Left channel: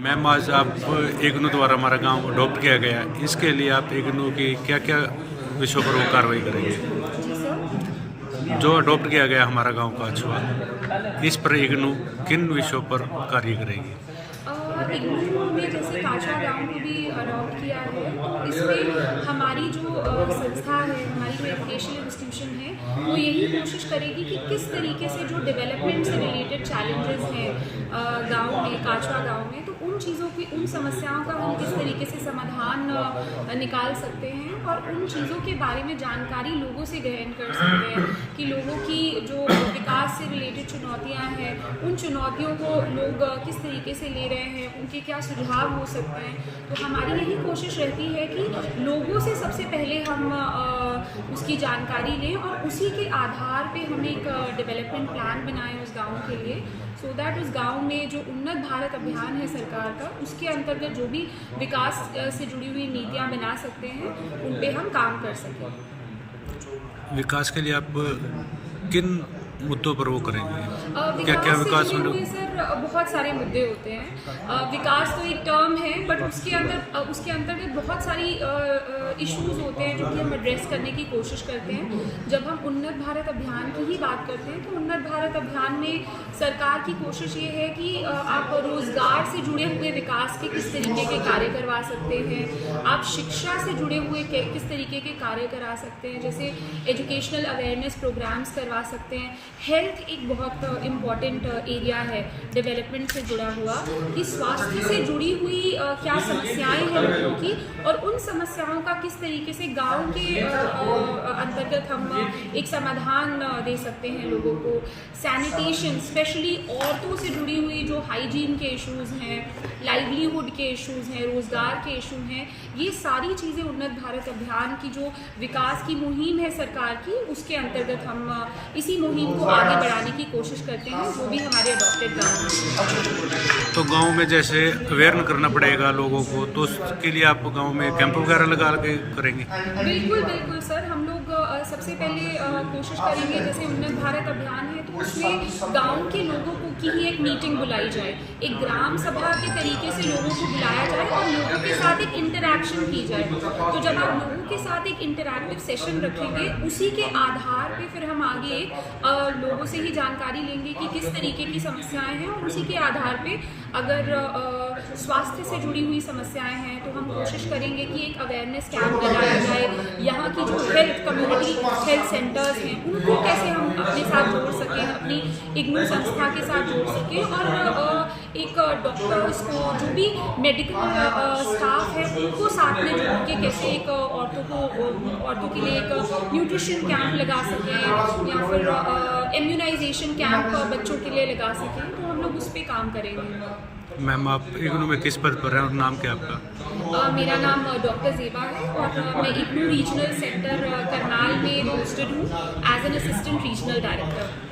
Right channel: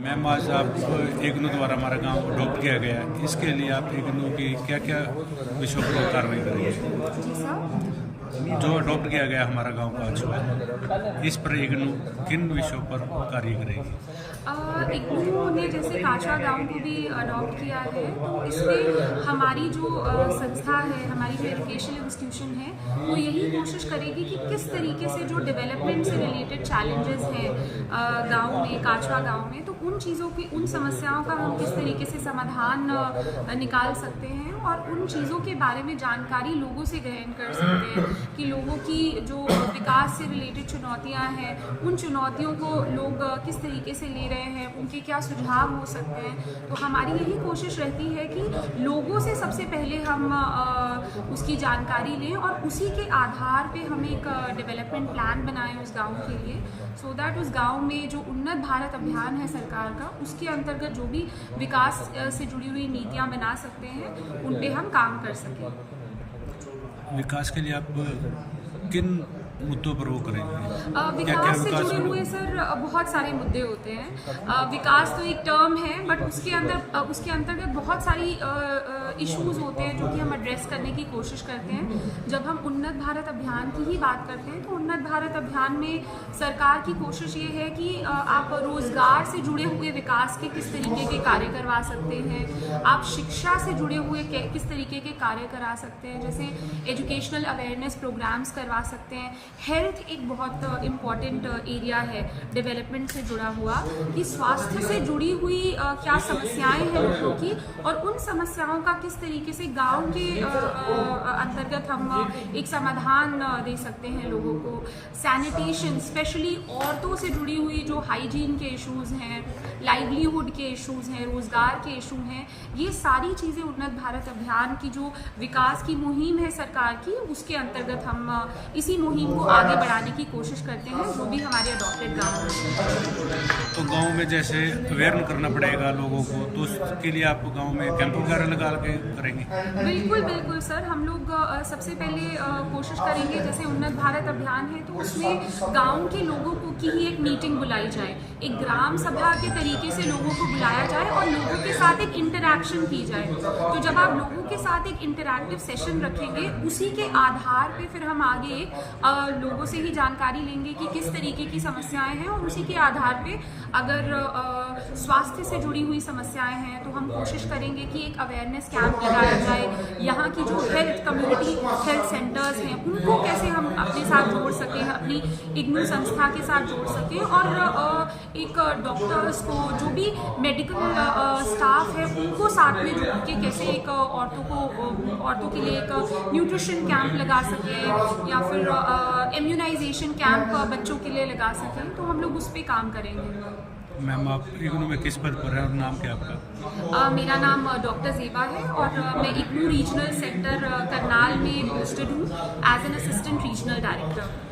Ma'am, आज आप इग्नू द्वारा हमारा गांव अडॉप्ट किया गया है, इसके लिए आप इग्नू की क्या क्या विषयों पर वो कार्रवाई करेंगे? जी सर। जो अडॉप्ट किया गया हमारा गांव काछवा, इस पर इग्नू किन विषयों पर कार्य करेगी? इग्नू ने जैसे काछवा गांव को भी अडॉप्ट किया है, तो इसमें हमारी जो संस्था है, हमारी जो एजुकेशनल इंस्टीट्यूशन है, वो यही कोशिश करेगी कि किस तरीके से जो डेवलपमेंट से रिलेटेड चैलेंजेस हैं गांव में, काछवा गांव में, तो उन चीज़ों की, उन समस्याओं का हम किस तरीके से समाधान निकाल सकते हैं और उन चीज़ों के बारे में जानकारी लोगों से ग्रहण कर सकते हैं कि लोगों की जो विकास से रिलेटेड चुनौतियाँ हैं, उन चुनौतियों को लोग किस तरीके से ले रहे हैं, उनके क्या सुझाव हो सकते हैं। तो हमारी यही कोशिश रहती है कि लोगों से सबसे पहले हम उसकी जानकारी लें और उसी के आधार पे हम एक डेवलपमेंट प्लान बनाएं उस गांव के लिए, सो दैट उस गांव में जो उन्नत भारत अभियान है सरकार का, उसके अंतर्गत जो भी विकास से जुड़ी हुई नीतियां बना सकते हैं, उन पे हम काम कर सकें। विकास के लिए आप किन मुद्दों पर वो करेंगे? क्या विकास से जुड़े हुए सर बहुत सारे मुद्दे होते हैं। विकास तो एक टर्म है, बट उसके अंतर्गत बहुत सारी इश्यूज होते हैं जो कि हम एड्रेस करने की कोशिश करते हैं। जब हम उन्नत भारत अभियान की ही बात करते हैं, तो उन्नत भारत अभियान में सरकार की कोशिश ये है कि आप रोजगार से जुड़े हुए विकास के किस तरीके के कार्य करवा सकते हैं, आप शिक्षा से जुड़े हुए किस तरीके के कार्य करा सकते हैं, जैसे एजुकेशनल अवेयरनेस प्रोग्राम्स करवा सकते हैं। हेल्थ एक बहुत इम्पॉर्टेंट एरिया है डेवलपमेंट से जुड़ा हुआ, कि स्वास्थ्य से जुड़ी हुई क्या समस्याएं हैं लोगों की और उन समस्याओं का किस तरीके से गांव के अंतर्गत हम एक समाधान दे सकते हैं लोगों को। सैनिटेशन, स्पेशली औरतों से जुड़ी हुई जो हाइजीन के इश्यूज हैं, लाइवलीहुड के इश्यूज हैं, रोजगार के इशू हैं, ये सारी चीज़ें उन्नत भारत अभियान की जो विकास की मुहिम है सरकार की, उसके अंतर्गत हम इसी मुहिम को आगे बढ़ाने की कोशिश करते हैं, जो भी हमारे अडॉप्टेड गाँव में। तो गांव में जैसे अवेयर करना पड़ेगा लोगों को, तो उसके लिए आप गांव में कैंप वगैरह लगा के करेंगे? बिल्कुल बिल्कुल सर, हम लोग सबसे पहले कोशिश करेंगे, जैसे उन्नत भारत अभियान है तो उसमें गांव के लोगों को की ही एक मीटिंग बुलाई जाए, एक ग्राम सभा के तरीके से लोगों को बुलाया जाए और लोगों के साथ एक इंटरैक्शन की जाए। तो जब आप लोगों के साथ एक इंटरैक्टिव सेशन रखेंगे, उसी के आधार पे फिर हम आगे लोगों से ही जानकारी लेंगे कि किस तरीके की समस्याएं हैं, और उसी के आधार पे अगर स्वास्थ्य से जुड़ी हुई समस्याएं हैं तो हम कोशिश करेंगे कि एक अवेयरनेस कैंप लगाया जाए। यहाँ की जो हेल्थ कम्युनिटी हेल्थ सेंटर्स हैं, उनको कैसे हम अपने साथ जोड़ सकें, अपनी इग्नू संस्था के साथ जोड़ सकें, और एक डॉक्टर्स को, जो भी मेडिकल स्टाफ है, उनको साथ में जोड़ के कैसे एक औरतों के लिए एक न्यूट्रिशन कैंप लगा सकें, या फिर इम्यूनाइजेशन कैंप बच्चों के लिए लगा सकें, तो हम लोग उस पर काम करेंगे। मैम, आप इग्नू में किस पद पर हैं और नाम क्या आपका? मेरा नाम डॉक्टर ज़ेबा है और मैं इग्नू रीजनल सेंटर करनाल में पोस्टेड हूँ as an assistant regional director.